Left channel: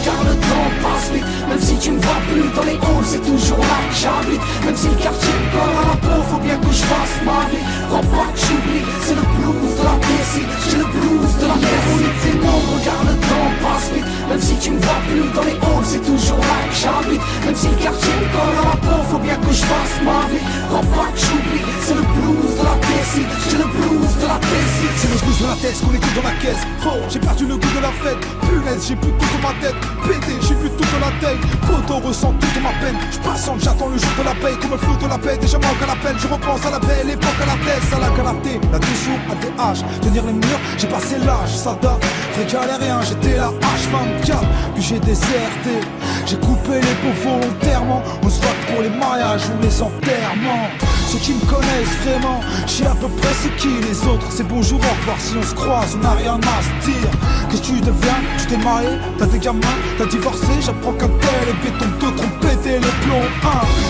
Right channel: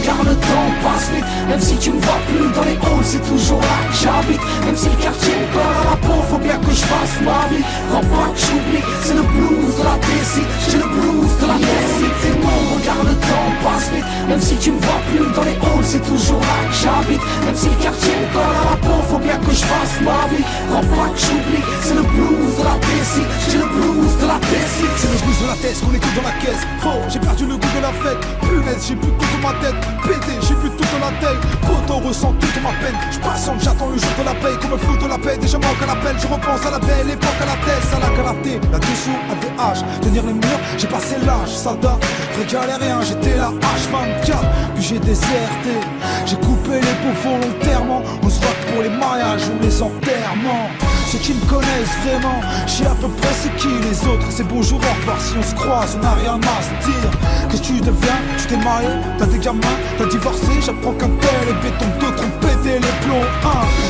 regarde le temps passe vite. Même si tu me vois plus dans les halls, c'est toujours là que j'habite. Même si le quartier me colle à la peau, faut bien que je fasse ma vie. Crois pas que j'oublie, c'est le blues de la DC. J'ai le blues de la DC. C'est mon regarde le temps passe vite. Même si tu me vois plus dans les halls, c'est toujours là que j'habite. Même si le quartier me colle à la peau, faut bien que je fasse ma vie. Crois pas que j'oublie, c'est le blues de la DC. J'ai le blues de la DC. C'est le blues de la tête qu'on écoute dans la caisse. Oh, j'ai perdu le goût de la fête. Punaise, j'ai plus tout dans ma tête. Pété, j'ai plus tout dans la tête. Poto ressent toute ma peine. J'passante, j'attends le jour de la paix. Comme le flou de la paix, déjà manque à l'appel. Je repense à la belle époque, à la tête, à la galaté, la dessous, à des haches. Tenir les murs, j'ai passé l'âge, ça date. Vrai galérien, j'étais là H24. Puis j'ai déserté. J'ai coupé les pots volontairement. On se voit que pour les mariages ou les enterrements. Ceux qui me connaissent vraiment, je sais à peu près c'est qui les autres. C'est bonjour, au revoir, si on se croise, on n'a rien à se dire. Qu'est-ce que tu deviens? Tu t'es marié, t'as des gamins, t'as divorcé. J'apprends qu'un tel est béton, d'autres ont pété les plombs.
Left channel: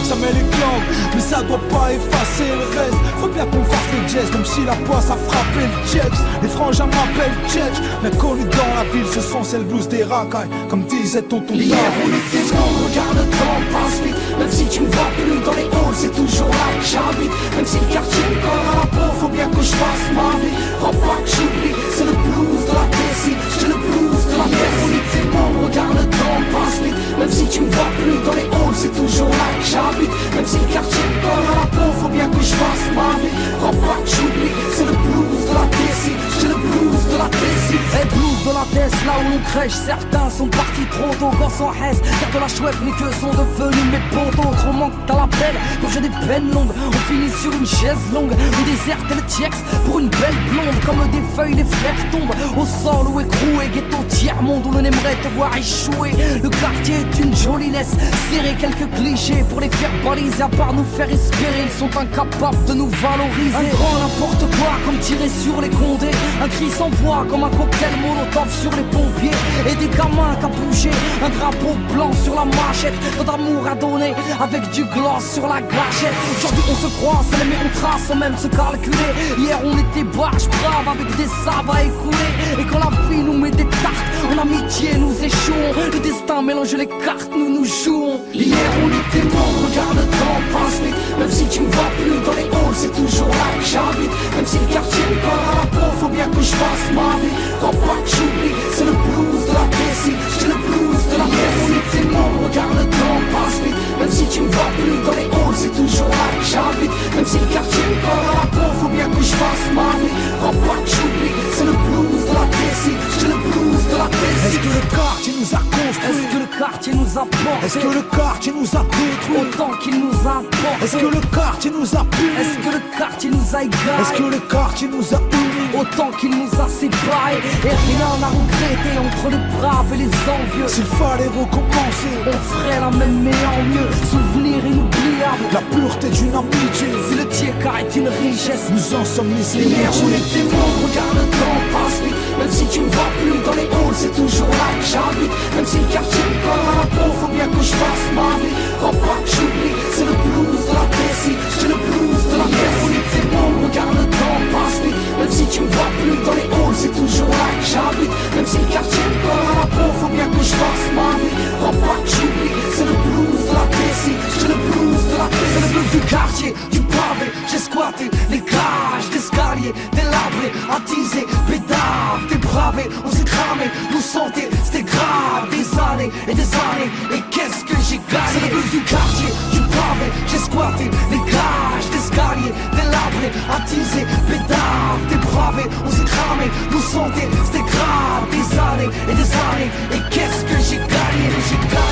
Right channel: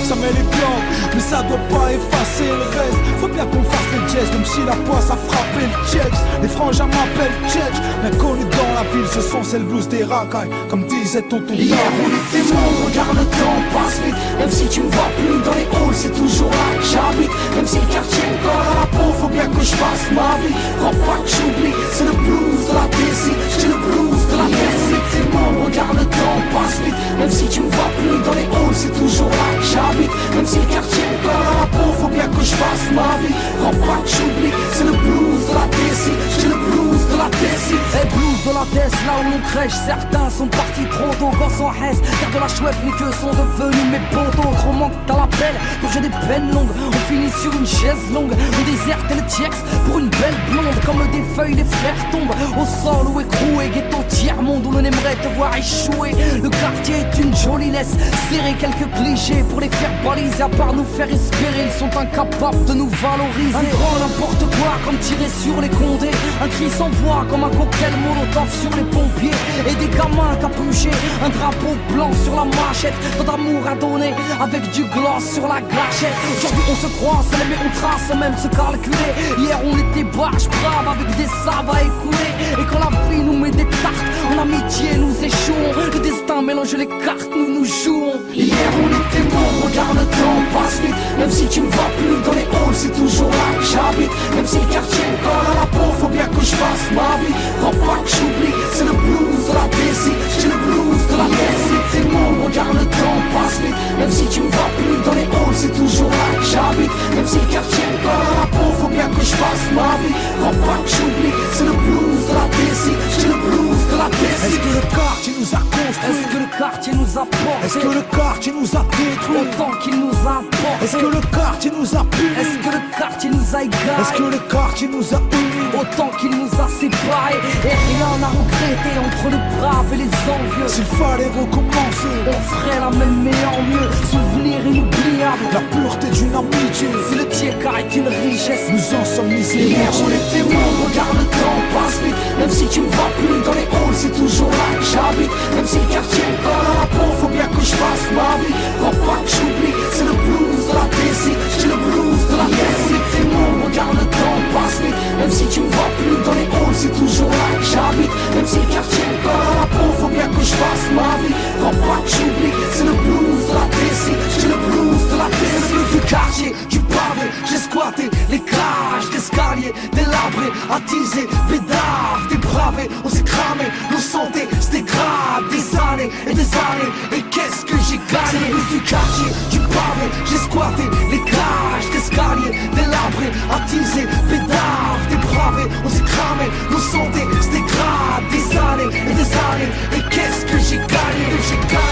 Ça met les glandes, mais ça doit pas effacer le reste. Faut bien qu'on fasse les jazz, même si la poisse a frappé le checks. Les frangins m'appellent Tchèque, bien connu dans la ville, ce sont celles blues des racailles. Comme disait tonton Hier on était bon, regarde le temps passe vite. Même si tu me vois plus dans les halls, c'est toujours là que j'habite. Même si le quartier me colle à la peau, faut bien que je fasse ma vie. Crois pas que j'oublie, c'est le blues de la DC. J'ai le blues de la DC. On était bon, regarde le temps passe vite. Même si tu me vois plus dans les halls, c'est toujours là que j'habite. Même si le quartier me colle à la peau, faut bien que je fasse ma vie. Crois pas que j'oublie, c'est le blues de la DC. J'ai le blues de la DC. Et blues de la tête, là où l'on crèche. Certains sont partis trop tôt, gosse en haisse. Car de la chouette, mais que sont devenus mes potos. Trop manque à l'appel, quand j'ai des peines longues. On finit sur une chaise longue, on déserte le tiex pour une belle blonde. Comme des feuilles, les frères tombent au sol ou écroués. Ghetto tiers-monde où l'on aimerait te voir échouer. Le quartier est une jolie laisse, serrer quelques clichés pour les faire baliser. À part nous faire espérer, ils sont incapables de nous valoriser. Un grand n'importe quoi comme tirer sur les condés. Un cri sans voix comme un cocktail molotov sur les pompiers. Et des gamins capuchés, un drapeau blanc sur la machette. Tant d'amour à donner avec du gloss sur la gâchette. Aujourd'hui on se croise, mais on trace sans même se calculer. Hier on était barge brave avec des sables à écouler. Et quand la vie nous met des tartes, en amitié nous échouons. Le destin mélange les cartes, nous jouons. Hier on était bon, regarde le temps passe vite. Même si tu me vois plus dans les halls, c'est toujours là que j'habite. Même si le quartier me colle à la peau, faut bien que je fasse ma vie. Crois pas que j'oublie, c'est le blues de la DC. J'ai le blues de la DC. On était bon, regarde le temps passe vite. Même si tu me vois plus dans les halls, c'est toujours là que j'habite. Même si le quartier me colle à la peau, faut bien que je fasse ma vie. Crois pas que j'oublie, c'est le blues de la DC. J'ai le blues de la DC. Est-ce que le quartier nous a construit? Est-ce que le quartier nous a porté? Est-ce que le quartier nous a détruit? Autant qu'il nous a porté. Est-ce que le quartier nous a puni? Est-ce que le quartier nous a égaré? Est-ce que le quartier nous a unis? Autant qu'il nous a séparés. Et rien n'a regretté entre les braves et les envieux. S'il fallait recommencer, on ferait la même mais en mieux. Souvenir inoubliable, la pureté d'une amitié. Si le tiers-quart est une richesse, nous en sommes misés. Hier on était morts, regarde le temps passe vite. Même si tu me vois plus dans les halls, c'est toujours là que j'habite. Même si le quartier me colle à la peau, faut bien que je fasse ma vie. Crois pas que j'oublie, c'est le blues de la DC. J'ai le blues de la DC. On était morts, regarde le temps passe vite. Même si tu me vois plus dans les halls, c'est toujours là que j'habite. Même si le quartier me colle à la peau, faut bien que je fasse ma vie. Crois pas que j'oublie, c'est le blues de la DC. J'ai le blues de la DC. C'est le blues du quartier, du pavé. J'ai squatté les cages d'escalier, délabrés, attisés, bédaves, dépravés. On s'est cramé, nos santé, c'était grave. Des années et des années, et qu'est-ce que j'ai gagné? C'est le blues du quartier, du pavé. J'ai squatté les cages d'escalier, délabrés, attisés, bédaves, dépravés. On s'est cramé, nos santé, c'était grave. Des années et des années, et qu'est-ce que j'ai gagné? J'ai gagné.